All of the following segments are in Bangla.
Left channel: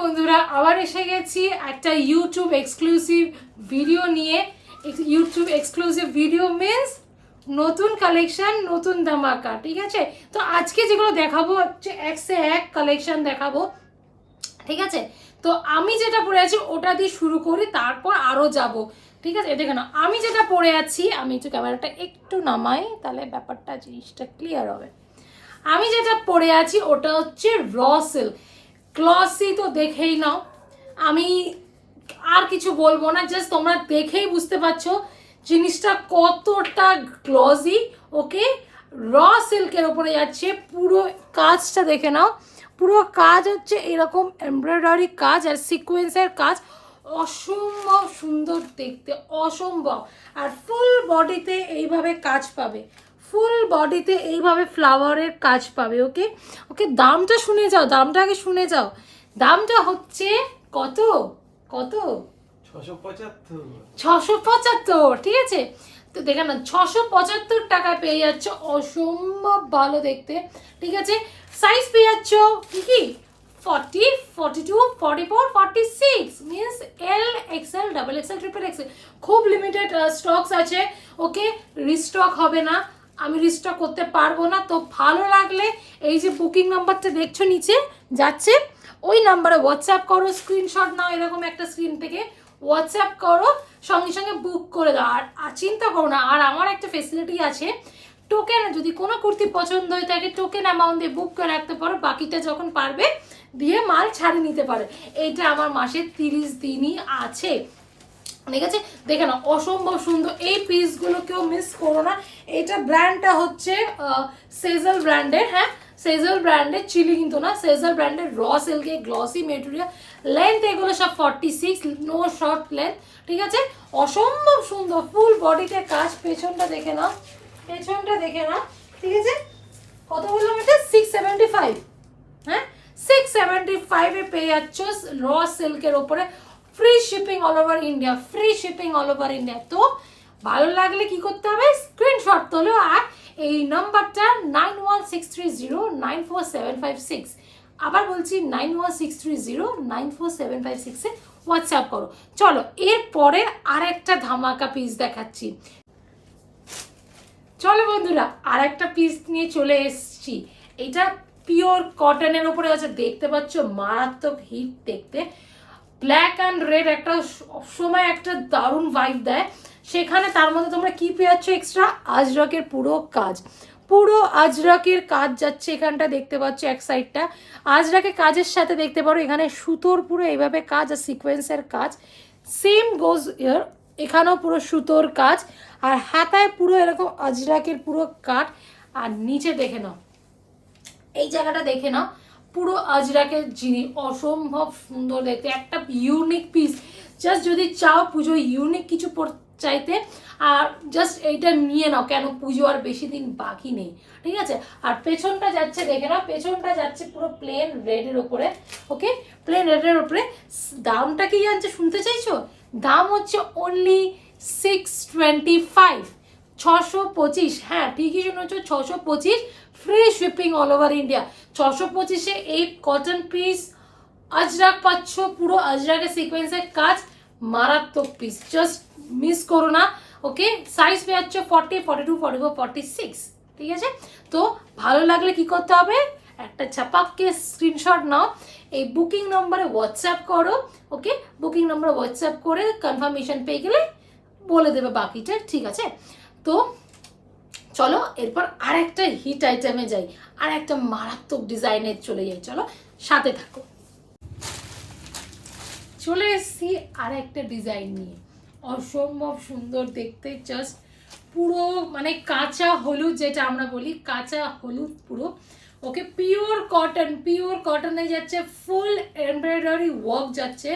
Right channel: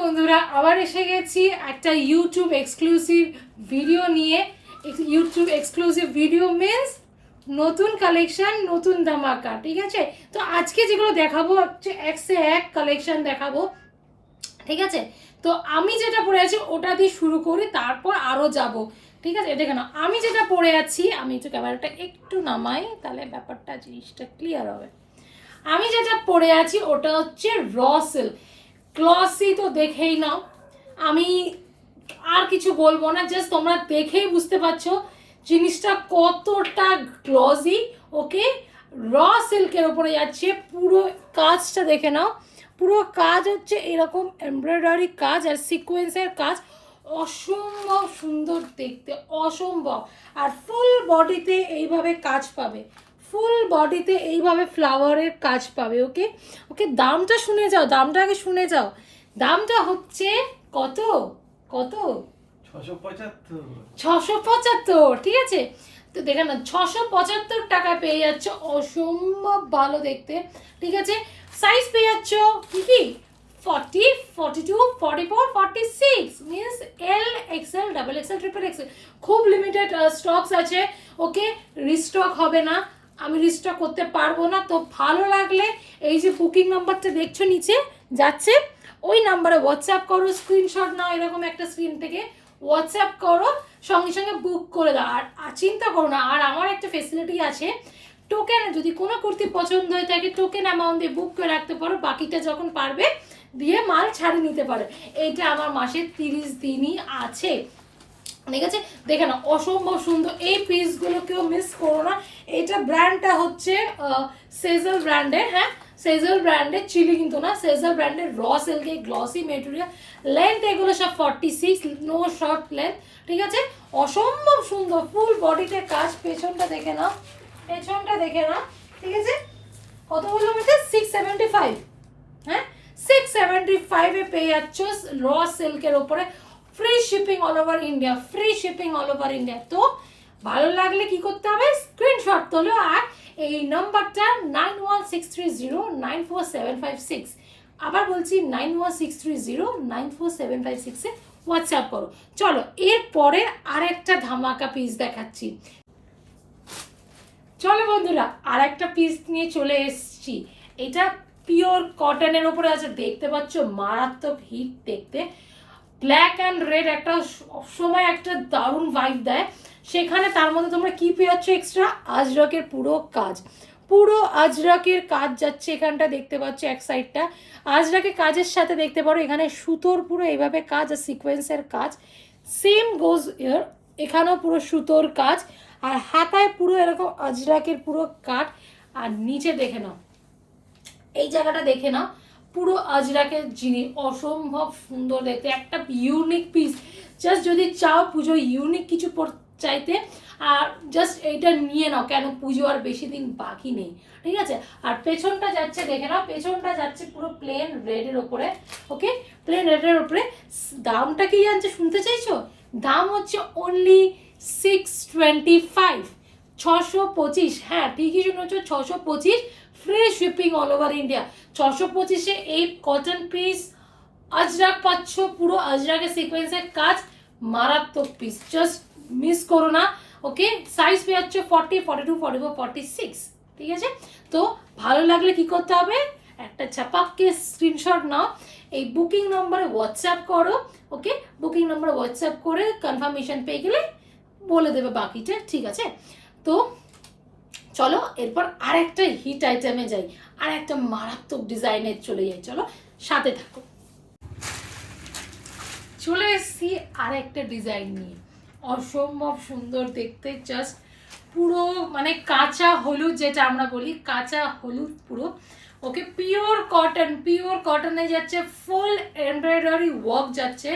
বন্ধুরা আবার এসে গেছি একটা ইউটিউব এক্সক্লুসিভ ভিডিও নিয়ে। ইউটিউব এক্সক্লুসিভ ভিডিও মিন্স নতুন কালেকশন, নতুন ধামাকা। ঠিক আছে, তো আজকে যেগুলো দেখাবো হচ্ছে এক সে এক কালেকশন দেখাবো। ঠিক আছে, তো আমি যেটা পরে আছি ওটা দিয়ে শুরু করি, তারপর আরও যাব। ঠিক আছে, দেখে না আমি যেটা পরে আছি, আমি একটু ক্যামেরাটা একটু নামাই, তাহলে ব্যাপারটা জিনিসটা ক্লিয়ার হবে। আমি যেটা পরে আছি ওটা হচ্ছে র সিল্ক গ্লসি, তো দেখেই নাও। আমি আর কিছু বলবো না, জাস্ট তোমরা দেখেই বুঝতে পারছো জিনিসটা কতটা গ্লসি। ওকে, র সিল্কের উপরে যাচ্ছে, পুরো কাজটা দেখে নাও। পুরো কাজ হচ্ছে এরকম এমব্রয়ডারি কাজ আর সিকোয়েন্সের কাজ, অসম্ভব সুন্দর দেখতে, অসম্ভব। আর ফুল বডিতে এইভাবে কাজ পাবে, ফুল বডিতে এইভাবে ফ্লাওয়ারের কাজ পাবে। ওকে ওকে, দামটা শুনে যাও, দামটা আগে শুনে যাও। দামটা হচ্ছে কত কত 675। ঠিক আছে, তো দেখে না 675 টাকায় পেয়ে যাচ্ছ, অসম্ভব ভালো দেখতে। ঠিক আছে, সাইজ পেয়ে যাচ্ছ কি কি 40, 42, 44, 46 means L, XL, double XL, triple XL. খুব লিমিটেড স্টকস আছে। ওকে, রিস্টক হবে না, আমি রিস্টক করতে পারবো না। তো ভালো লাগলে এই যে বুকিং নাম্বারটা দেখছো নিচে যাচ্ছে, ওই নাম্বারে হোয়াটসঅ্যাপ করো, স্ক্রিনশট নাও এরকম একটা স্ক্রিন থেকে, হোয়াটসঅ্যাপ করো, সঙ্গে সঙ্গে বুক করে দাও। আর চিন্তা করো না, আর আমার একটা ফেসিলিটি আছে, টোকেন যদি কোনো কুর্তি পছন্দ হয়ে থাকে টোকেন অ্যামাউন্ট দিয়ে বুক করে রাখতে পারো, বাকিটা যখন পারবে দিয়ে মাল ছাড়িয়ে নিতে পারে। এইটা আমার মাসের 30 দিনই আছে। ঠিক আছে, দেখে না অসম্ভব সুন্দর এই পিসগুলো, কেউ মিস করো না। এটা ব্র্যান্ডটা হচ্ছে সেজল ব্র্যান্ডের। হ্যাঁ, সেজল ব্র্যান্ডের, চিলি কিন্তু না, সেজল ব্র্যান্ডের র সিল্কের গ্লসি মেটেরিয়াল। লেন্থ এগুলো সব 46, নো শর্ট লেন্থ। ঠিক আছে, অসম্ভব সুন্দর ফুল বডিতে কাজ। পেছনটা দেখে নাও, পেছনটা দেখে নাও। ঠিক আছে, কত বললাম এটা 675। হ্যাঁ, 675 পেয়ে যাচ্ছ র সিল্কের ওপরে, free shipping all over India, free shipping all over India. তো ভালো লাগলে কি করতে হবে, স্ক্রিনশট তোলো আর এই নাম্বারটা 9163094756, আবার বলছি 9163094756 এ হোয়াটসঅ্যাপ করো। চলো এরপরে আর একটা ধামাকা পিস দেখাচ্ছি। চলো বন্ধুরা, আর একটা পিস নিয়ে চলে এসেছি। এটা পিওর কটনের উপরে আছে, দেখতে পাচ্ছ মারাত্মক হিট দেখতে। ব্ল্যাক অ্যান্ড রেড একটা সময় একটা দারুণ ভাইব দেয়, সেখানে তার মধ্যে তোমরা কি পেয়ে যাচ্ছ এক্সট্রা, আজরকের পুরো কাজ, পুরো আজরকের কাজ যাচ্ছে এখানটা, দেখতে পাচ্ছ এক সাইডটা আজরকের কাজের সাথে দেখতে পারো এখানে সুতোর পুরো এইভাবে কাজ আর সিকোয়েন্সের কাজ। সেম গোজ ইয়ার, এখানেও পুরো সুতোর কাজ, আর হাতায় পুরো এরকম আজরাকের পুরো কাট। আর নিচে দেখে নাও, এই জায়গাটা দেখে নাও, পুরো আজরাকের জিনিস, অসম্ভব সুন্দর দেখতে, একটা ইউনিক পিস। জাস্ট যদি চাও পুজো ইউনিক কিছু চাইতে, আর জাস্ট এইটা নিয়ে নাও, কেন পুজো আর বেশি দিন বাকি নেই। ঠিক আছে, আর পেছনটা যাচ্ছে দেখে নাও, পেছনটা যাচ্ছে পুরো প্লেন রেডের ওপরে। ওকে, প্লেন রেডের ওপরে। দামটা কি জানছে, শুনতে চাইছো? দাম হচ্ছে অনলি 625, 625। হ্যাঁ ঠিকই শুনেছো, 625, free shipping all over India. 625-এ এই কটন পিস আজরাক পাচ্ছ, পুরো আজরাকের সিকোয়েন্সের কাজ, মারাত্মক পিস, জাস্ট মিস করো না। ওকে, সাইজ পেয়ে যাচ্ছ 40, 42, 44, 46। ঠিক আছে, তো ভালো লাগলে কি করতে হবে, একটা ছাপাককে স্ক্রিনশট নাও, এই বুকিং নম্বরে হোয়াটসঅ্যাপ করো। ওকে, বুকিং নম্বরে হোয়াটসঅ্যাপ করে কনফার্মেশন পেয়ে গেলে বলে দেবে বাকিটা। ঠিক আছে, তো চলো এরপর আর একটা হিট আইটেমে যাই, আর একটা মারাত্মক ডিজাইনের চলে যাই, চলো সাথে থাকো। চলে এসেছি আর একটা ডিজাইন নিয়ে, অসম্ভব সুন্দর দেখতে, জাস্ট পুরো মানে কাঁচা হলুদ, যেটা আমরা বলি কাঁচা হলুদ পুরো। ওকে, পিওর কটন, পিওর কটনে যাচ্ছে, ফুল এমব্রয়ডারি ওয়ার্ক যাচ্ছে,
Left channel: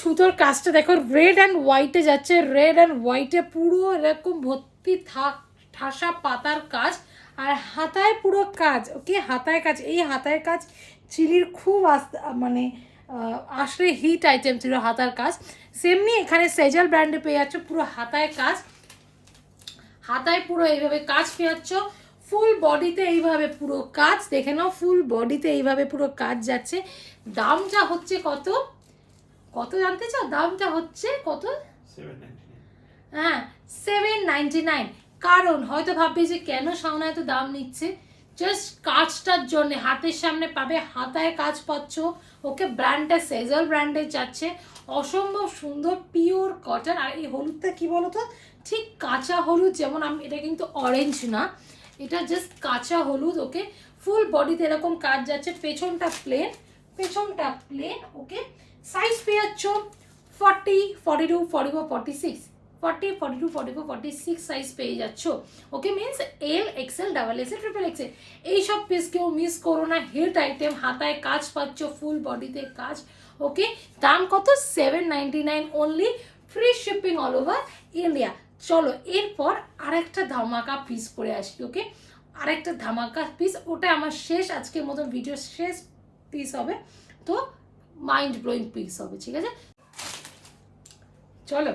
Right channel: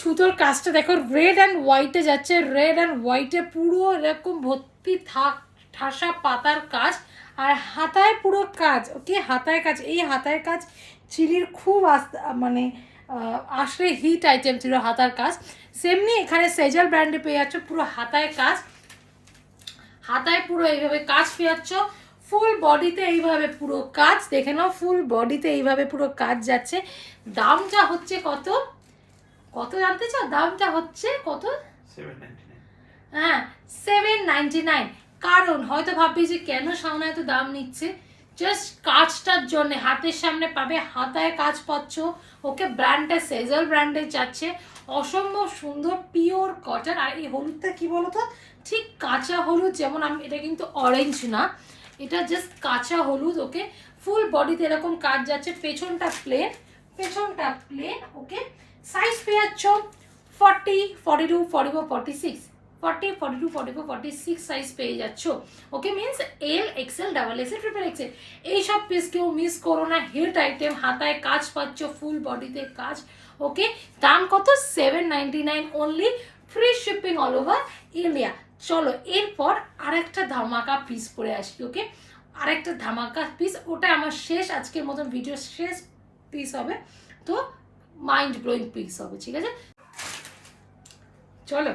সুতোর কাজটা দেখো রেড অ্যান্ড হোয়াইটে যাচ্ছে, রেড অ্যান্ড হোয়াইটে পুরো এরকম ভর্তি ঠাসা পাতার কাজ, আর হাতায় পুরো কাজ। ওকে, হাতায় কাজ, এই হাতায় কাজ চিলির খুব মানে আসলে হিট আইটেম ছিল হাতার কাজ। সেমনি এখানে সেজাল ব্র্যান্ডে পেয়ে যাচ্ছ পুরো হাতায় কাজ, হাতায় পুরো এইভাবে কাজ পেয়ে যাচ্ছ, ফুল বডিতে এইভাবে পুরো কাজ, দেখে নাও ফুল বডিতে এইভাবে পুরো কাজ যাচ্ছে। দামটা হচ্ছে কত কত জানতে চাও? দামটা হচ্ছে কত? 799। হ্যাঁ 799। কারণ হয়তো ভাববে যে কেন সামনে এত দাম নিচ্ছে, জাস্ট কাজটার জন্য। হাতের সামনে পাবে, হাতায় কাজ পাচ্ছ, ওকে। ব্র্যান্ডটা সেজল ব্র্যান্ডের যাচ্ছে, অসম্ভব সুন্দর পিওর কটন। আর এই হলুদটা কি বলতো, ঠিক কাঁচা হলুদ, যেমন আমি, এটা কিন্তু অরেঞ্জ না, এটা জাস্ট কাঁচা হলুদ, ওকে। ফুল বডিতে এরকম কাজ যাচ্ছে, পেছনটা প্লেন, পেছনটা প্লেন, ওকে। সাইজ পেয়ে যাচ্ছ 40, 42, 44, 46, 40, 42, 44, 46 সাইজ পেয়ে যাচ্ছ, okay. Means L, XL, double XL, triple XL, এইসব পিস কেউ মিস করো না। হিট আইটেম, হাতায় কাজ পাচ্ছ, ফুল বডিতে কাজ, ওকে। দাম কত? 799 only, free shipping all over India. চলো এরপর আরেকটা ধামাকা পিস পরে আসি, ওকে। আরেকটা ধামাকা পিস, ওটা আমার শেষ, আজকের মতো ভিডিও শেষ পিস হবে, তো মাইন্ড ব্লোয়িং পিস হবে, ঠিক আছে। চলো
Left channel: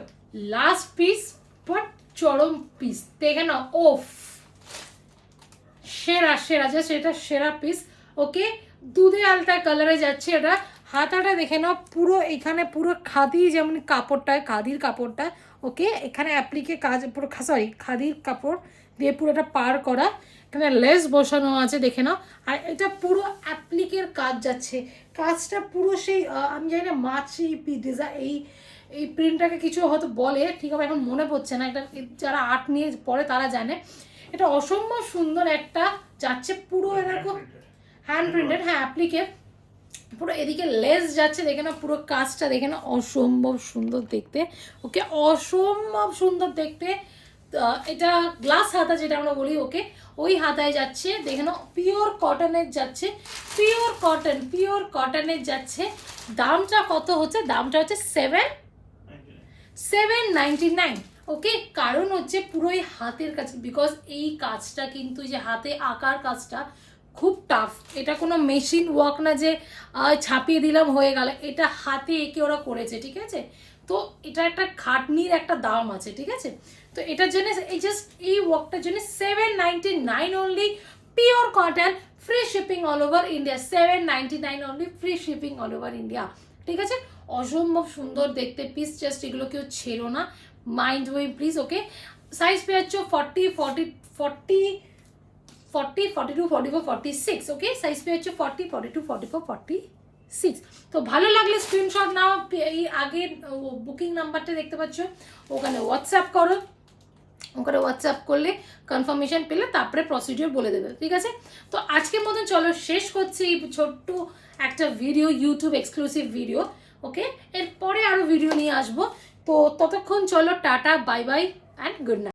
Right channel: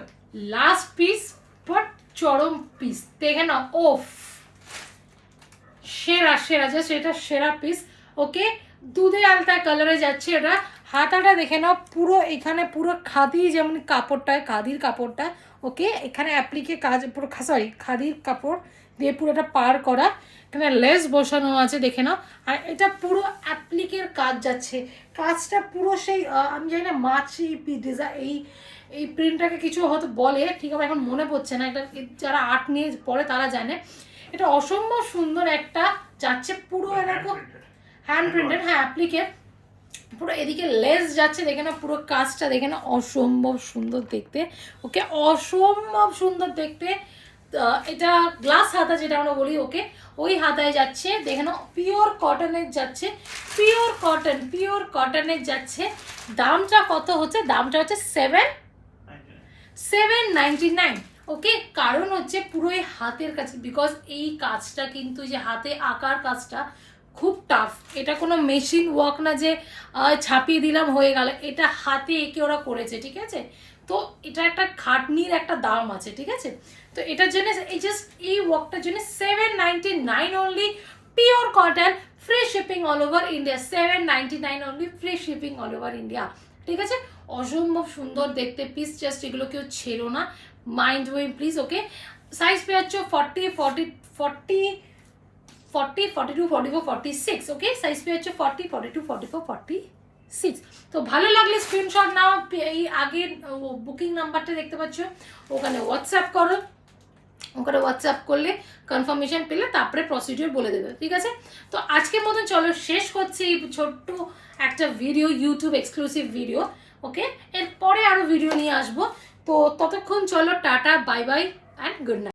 লাস্ট পিস, বাট চরম পিস, দেখে নাও, ওফ, সেরা সেরা, জাস্ট এটা সেরা পিস, ওকে। দুধে আলতা কালারে যাচ্ছে এটা। হাতাটা দেখে নাও, পুরো এখানে পুরো খাদি, যেমন কাপড়টা, খাদির কাপড়টা, ওকে। এখানে অ্যাপ্লিকে কাজ, পুরো সরি খাদির কাপড় দিয়ে পুরোটা পার করা, এখানে লেস বসানো আছে, দেখে নাও। আর এটা পুরো অ্যাপ্লিকের কাজ যাচ্ছে, কাজটা পুরো সেই আমি জানি না মাছি ডিজাইন, এই প্রিন্টটাকে কিছু হয়তো বলে, ঠিক আমার এখন মনে পড়ছে না, এটা যারা আর্ট নিয়ে পড়ে তারা জানে। এটা অসম্ভব সুন্দর একটা যাচ্ছে, পুরো এরকম হ্যান্ড প্রিন্টেড, হ্যাঁ অ্যাপ্লিকের, পুরো এদিকে লেস যাচ্ছে, দেখে না পুরো কাজটা, দেখে না অসম্ভব সুন্দর দেখতে, ওকে। অসম্ভব সুন্দর দেখতে। এটা গ্লাস হাতা যেটা আমরা বলি, ওকে, ওই হাতায় যাচ্ছে, দেখে না পিওর কটনের যাচ্ছে, পিওর কটন, পিওর কটনের যাচ্ছে। দামটা কত হচ্ছে? দামটা হচ্ছে 799, ওকে। কারণ হচ্ছে পুরোই হাতের কাজ, বিকজ এই কাজটা কিন্তু, যে হাতে আঁকার কাজটা খুব টাফ, এটা কোনো মেশিন ওয়ার্ক না যে ছাপিয়ে দিলাম হয়ে গেল, এটা হাতে এঁকে ওরা করেছে, ঠিক আছে। তো এটা একটা খাটনির একটা দাম আছে, ঠিক আছে। তো এটার জন্য এই জাস্ট এই ওয়ার্কটার জন্য 799 only, pure cotton, free shipping all over India, 799 only, free shipping all over India, ঠিক আছে। অসম্ভব সুন্দর দেখতে পিস, জাস্ট এগুলো কেউ ছেড়ো না, mind way please, okay. Size পেয়ে যাচ্ছ 40, 40, 40, 40, 42, 44, 46, ওকে। সাইজ পেয়ে যাচ্ছে 40, 42, 44, 46। তো ভালো লাগলে স্ক্রিনশট নাও, এই আগের বুকিং নাম্বারটা দেখতে পাচ্ছ, ওখানে হোয়াটসঅ্যাপ করো, ওখানে হোয়াটসঅ্যাপ করলে কনফার্মেশন পেলে তারপরে প্রসিডিওর বলে দেবে, ঠিক আছে। তো আজকের মতন চলো শেষ করছি এই ছোট্ট একটা ভিডিও, ইউটিউব এক্সক্লুসিভ ভিডিও, ওকে। এরপরে আরও ভিডিও নিয়ে আসবো, তো ততক্ষণ চলো tata, bye bye and good night.